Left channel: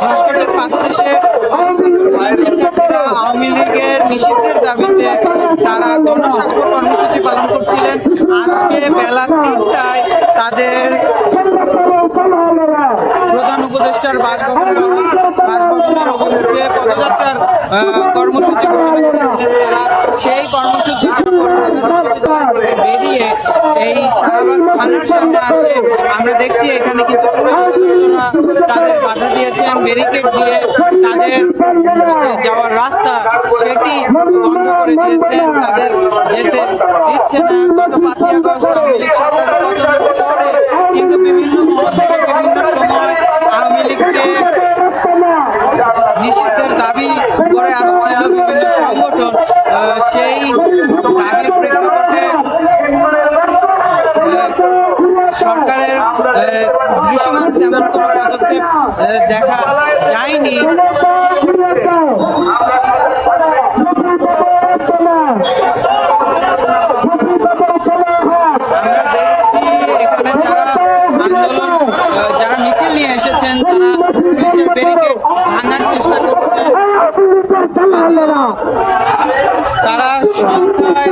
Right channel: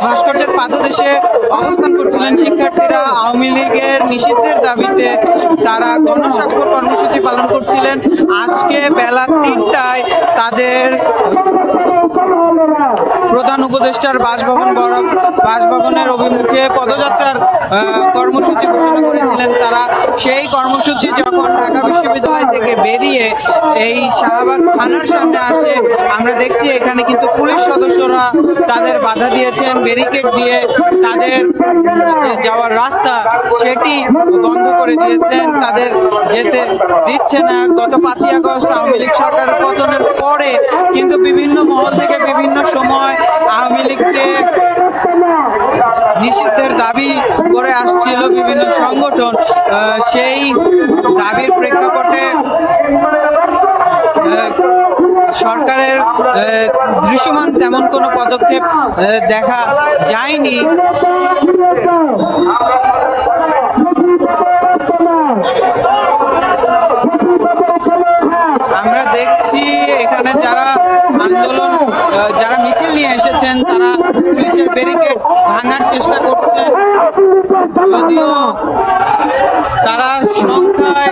ভাস্কর্যের পাদদেশে অবস্থান করছিলেন শিক্ষার্থীরা। আওয়ামী লীগের নিষিদ্ধের দাবিতে তারা গণস্বাক্ষর কর্মসূচি পালন করছিলেন। আজকে বেলা ৩টায় তাদের প্রধান উপদেষ্টার বাসভবনের অভিমুখে পদযাত্রার কর্মসূচি ঘোষণা করেছিলেন তারা। সেই কর্মসূচি যখন ঢাকা বিশ্ববিদ্যালয় থেকে বেরিয়ে এই শাহবাগ থানার সামনে আসে, আমরা দেখছি এখানে কিন্তু পুলিশ সদস্যরা তাদের বাধা দিয়েছেন, ব্যারিকেড দিয়ে তাদের যে যাওয়ার রাস্তা সেটি বন্ধ করে দিয়েছেন, তাদের যেতে দিচ্ছে না। গত 5ই আগস্ট আওয়ামী লীগ সরকারের পতনের পরে কিন্তু বিভিন্ন মহল থেকে বিভিন্ন সময় আওয়ামী লীগকে নিষিদ্ধের দাবি করে আসছিল বিভিন্ন সংগঠন। সেই দাবির প্রেক্ষাপটে সরকারের দৃশ্যমান তেমন কোনো পদক্ষেপ দেখা যায়নি। আমরা দেখছি এখানে যারা আন্দোলন যারা মিছিল নিয়ে এসেছেন তারা পুলিশের ব্যারিকেড ভাঙার চেষ্টা করছেন, যদিও তারা সংখ্যায়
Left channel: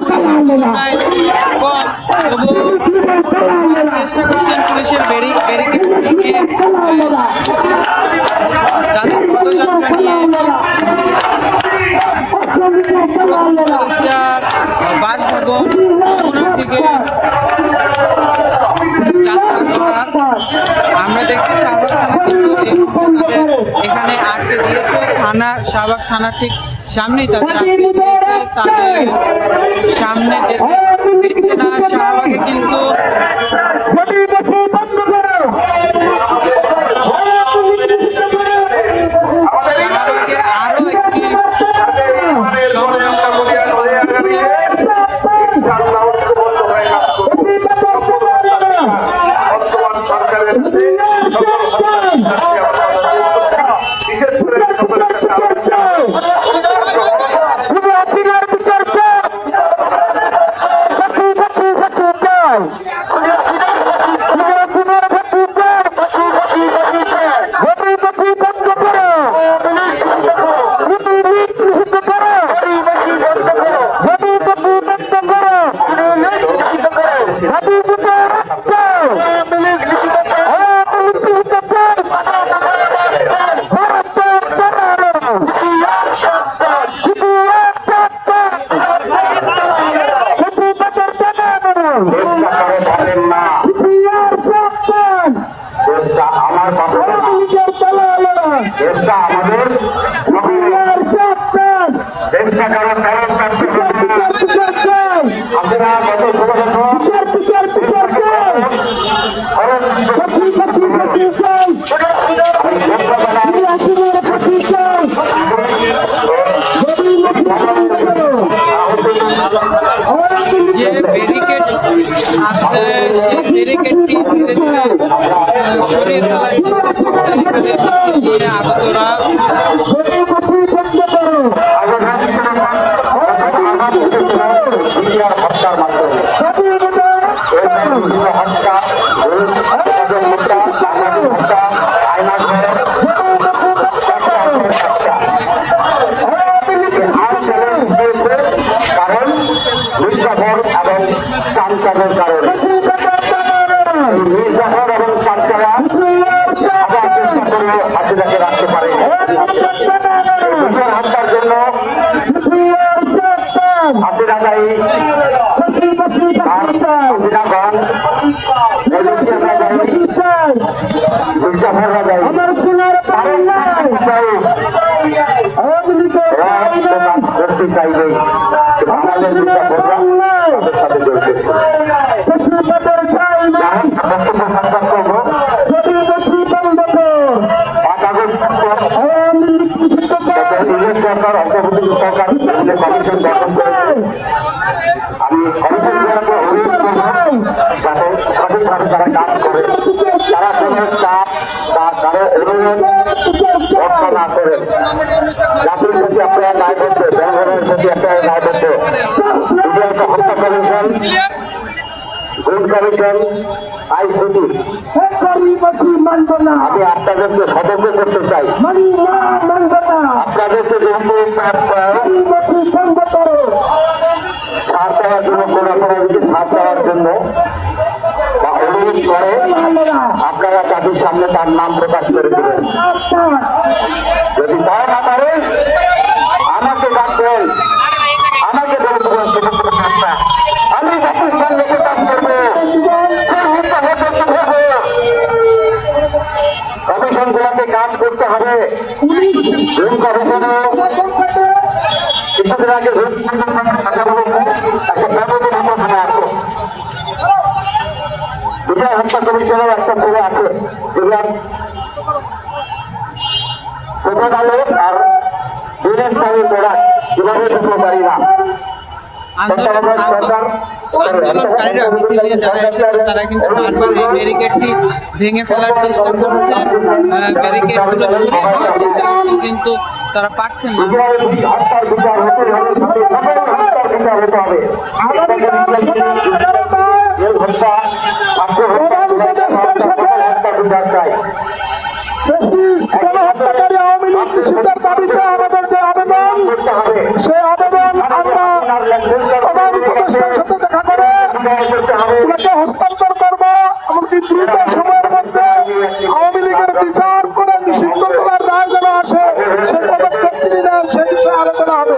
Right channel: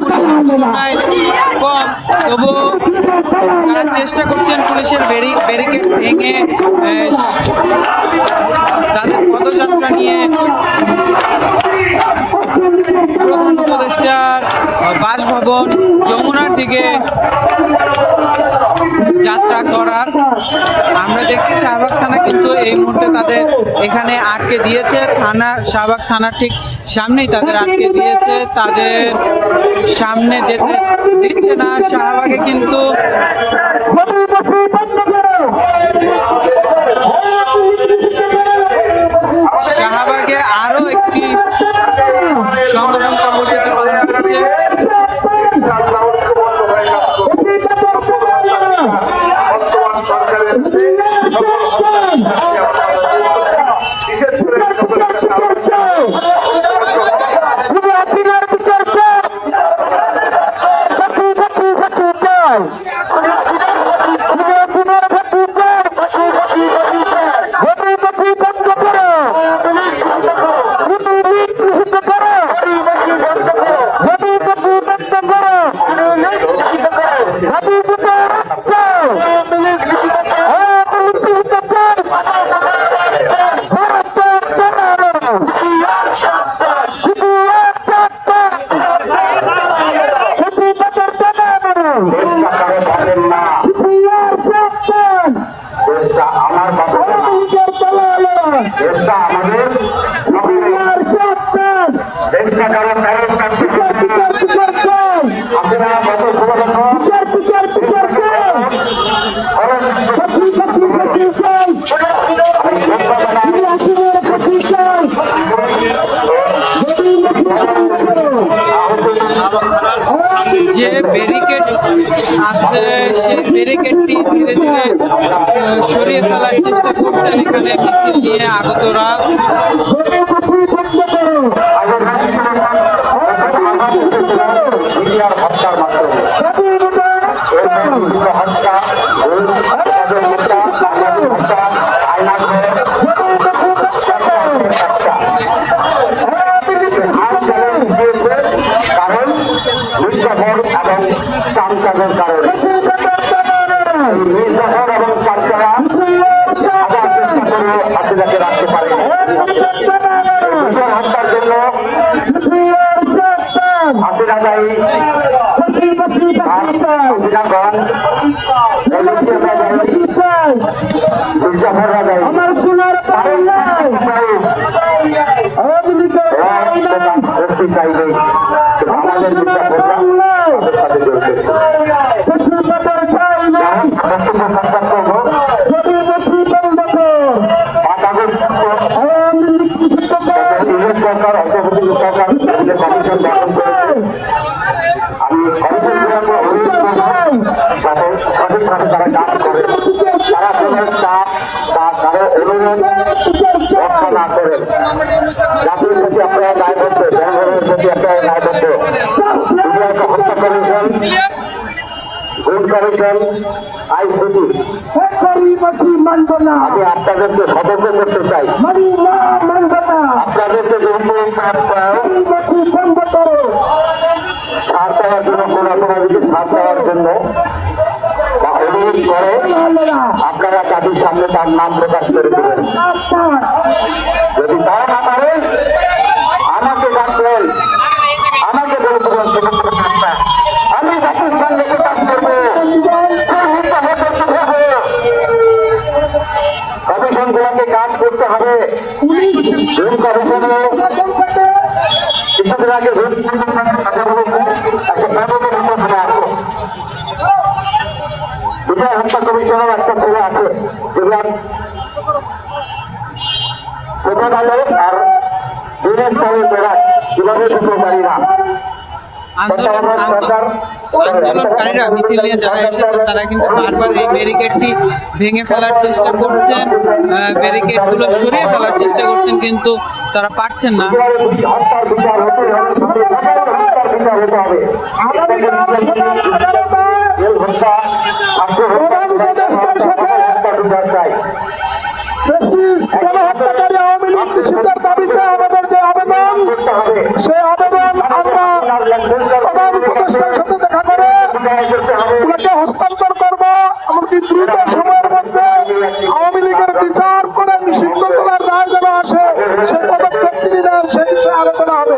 পুলিশের তুলনায় কম, তবুও তারা চেষ্টা করছেন পুলিশের ব্যারিকেড ভেঙে তাদের পদযাত্রা নিয়ে প্রধান উপদেষ্টার বাসভবন যমুনার দিকে যাত্রা করার। আমরা দেখছি শাহবাগ থানা কিন্তু এই মুহূর্তে তাদের এখানে আটকে দিয়েছে। শাহবাগ থানার ঠিক সামনেই তাদের আটকে দিয়েছে, তাদের সামনে যেতে দিচ্ছে না। শাহবাগে কিন্তু শাহবাগে আরো একটি যে ব্যারিকেড আছে সেই ব্যারিকেডটি ধীরে ধীরে সরিয়ে ফেলার চেষ্টা করছেন এখানে মিছিল নিয়ে আগতরা। আমি আপনাদেরকে সতর্ক করতে চাই, আপনাদেরকে ছাড় দেওয়ার জন্য ছাড় দেওয়ার জন্য অনুরোধ করে আপনারা তাদের সামনে তার নাম প্রকাশ করে দেবেন। যদি তাই না পারেন আমাকে ডাকবেন, আমাকে আমি পাকিস্তান থেকে কাজ করবো, কমিশনগুলোকে কাজ করতে হবে। কিছুদিন আগে হত্যা কমিশনের একটা ছেলে আছে যেগুলো প্রধান হলো আর বিদেশ কালে করা কিভাবে করতে পারি না। আন্দোলনকারীরা মিছিল নিয়ে যারা এসেছেন তারা কিন্তু বারবার এই ব্যারিকেডটি ভেঙে ফেলার চেষ্টা করছেন, ব্যারিকেডগুলো সরিয়ে ফেলার চেষ্টা করছেন, কিন্তু তারা পারছেন না। হস্তান্তর করবো এমনকি দ্রুত সময়ের মধ্যে আওয়ামী লীগের বিচার করে নিষিদ্ধ করার রায় যেন আসে সে পদক্ষেপ নেন, সে বিষয়ে আলোচনা হবে।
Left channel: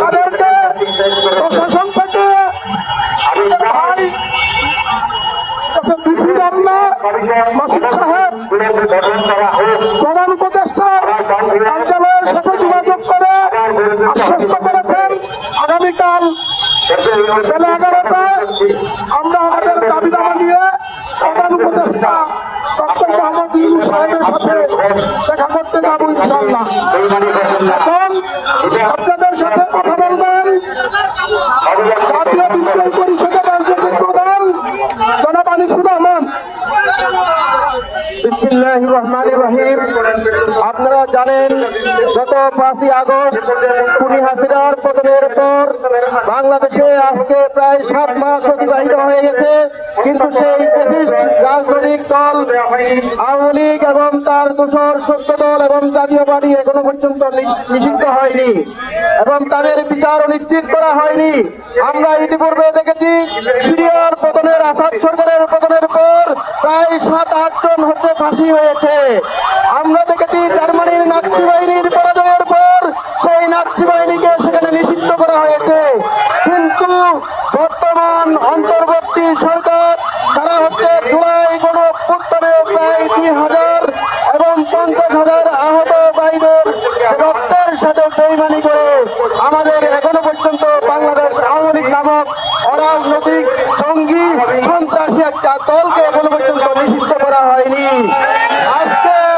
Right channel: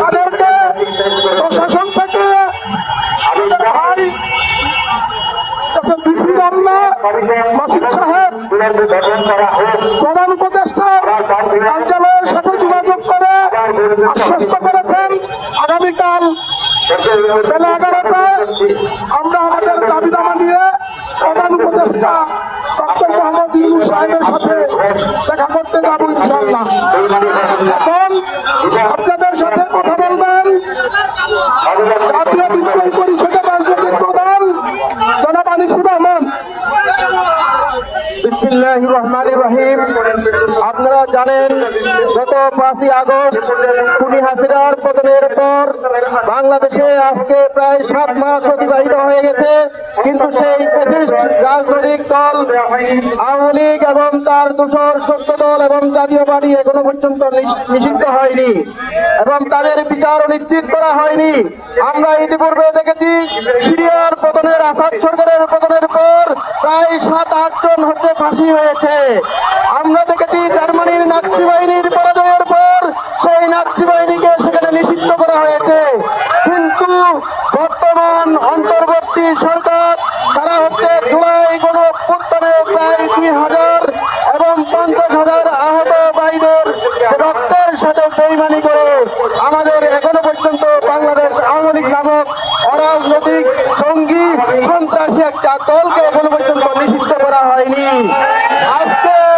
তাদেরকে প্রশাসন থেকে ডিসি মামলা মাসুদ সাহেব প্রধান উপদেষ্টার কার্যালয়ের সাথে যোগাযোগ করে আশ্বস্ত করেছেন আগামীকাল বেলা 11টায় আমরা আমাদের দাবি দাবা নিয়ে প্রধান উপদেষ্টা ডক্টর মোহাম্মদ ইউনূস সাহেবের সাথে দেখা করতে যাবো ইনশাআল্লাহ। এখন আপনাদের সাথে কথা বলবেন জাতীয় বিজ্ঞান পরিষদের রাজনৈতিক প্রধান জনাব আনিসুর রহমান। বিসমিল্লাহির রহমানির রহিম। আপনারা জানেন গত 5ই আগস্ট খুনি হাসিনার পতনের পর বাংলাদেশে আজকে প্রায় 7 মাস অতিবাহিত হয়ে গেছে, কিন্তু সেই ফ্যাসিস্ট রাজনৈতিক দল আওয়ামী লীগ এবং তার দোসর 14 দল এবং জাতীয় পার্টি এখনো পর্যন্ত নিষিদ্ধ হয়নি এবং তাদের বিচার নিশ্চিত করা হয়নি। আমরা ইতিপূর্বে দেখেছি সিরিয়ার পতনের, আসাদ সরকারের পতনের পর প্রায় 7-8 জন হচ্ছে ফাঁসি হয়েছে। আমরা দেখেছি জার্মানির নাৎসি বাহিনীর পরাজয়ের পর সেই নাৎসি বাহিনীকে সেখানে নিষিদ্ধ করা হয়েছে, কিন্তু বর্তমান অন্তর্বর্তী সরকার তারা হচ্ছে জুলাই গণঅভ্যুত্থানে প্রায় 2000 এবং 50,000 আহত ভাইদের রক্তের সাথে বেইমানি করে আজকে